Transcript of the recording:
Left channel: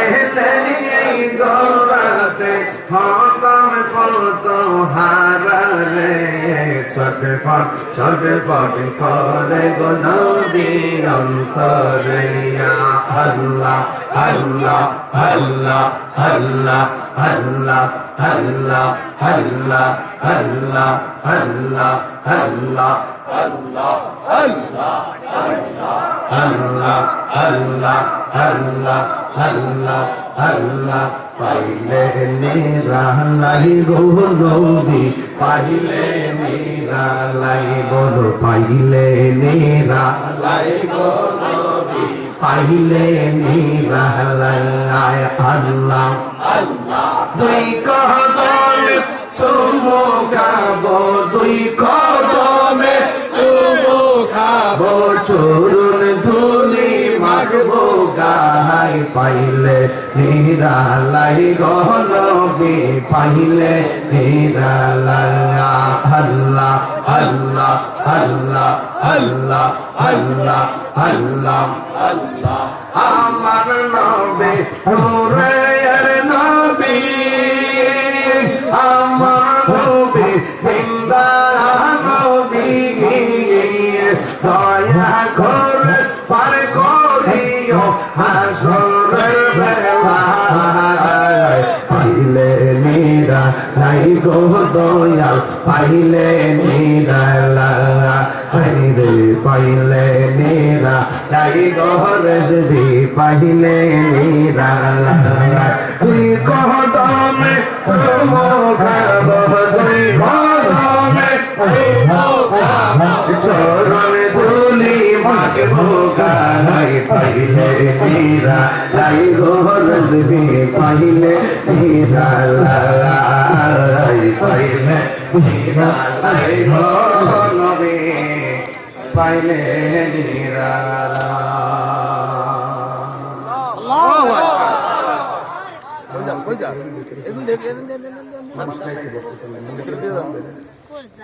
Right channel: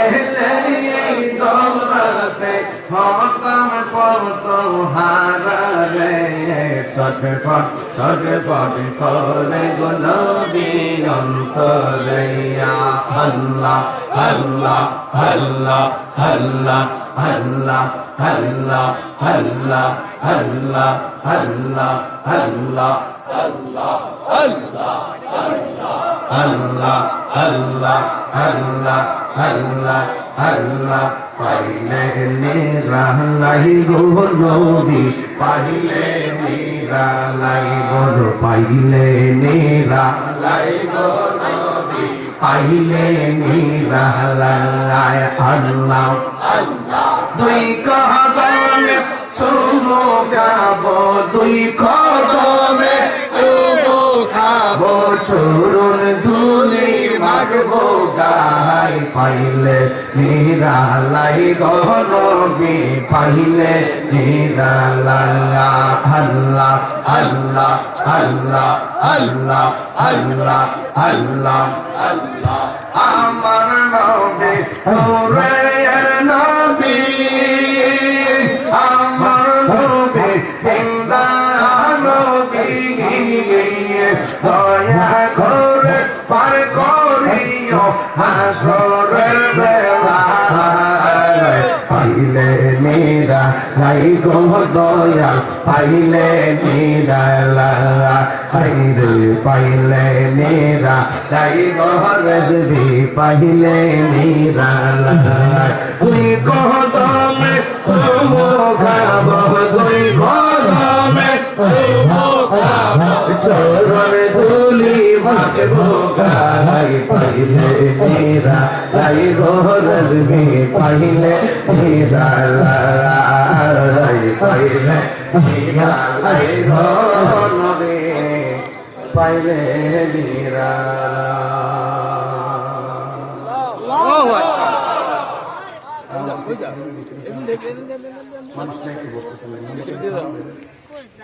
এলে এই দৌড়াতে হতাম কত হারারে ছটফট ছটফট করে গো নবী অন্তরে আল্লাহ আল্লাহ আল্লাহ আল্লাহ আল্লাহ আল্লাহ আল্লাহ আল্লাহ আল্লাহ আল্লাহ আল্লাহ আল্লাহ আল্লাহ আল্লাহ আল্লাহ আল্লাহ আল্লাহ পাইলে নিরালাই গো নবী পাইলে নিরালাই গো পাইলে নিরালাই গো নবী পাইলে নিরালাই আল্লাহ আল্লাহ দুই কদমে চুমু খাবো দুই কদমে চুমু খাবো চরণ ধুলি মাখবো গায় পাইলে নিরালাই গো নবী পাইলে নিরালাই আল্লাহ আল্লাহ আল্লাহ আল্লাহ আল্লাহ আল্লাহ আল্লাহ আমার নবী নূরের নবী আমার নবী জিন্দা নবী দয়া করে পার করিও হাসরের বেলায় পাইলে নিরা লাই গো দয়াল পাইলে নিরা হাইরে পাইলে নিরা লাই গো রজবি পাইলে নিরা তুই কদমে চুমু খাবো দুই কদমে চুমু খাবো চরণ ধুলি মাখবো গায় পাইলে নিরা লাই গো রজবি পাইলে নিরা পাইলে নিরা লাই গো নবী পাইলে নিরা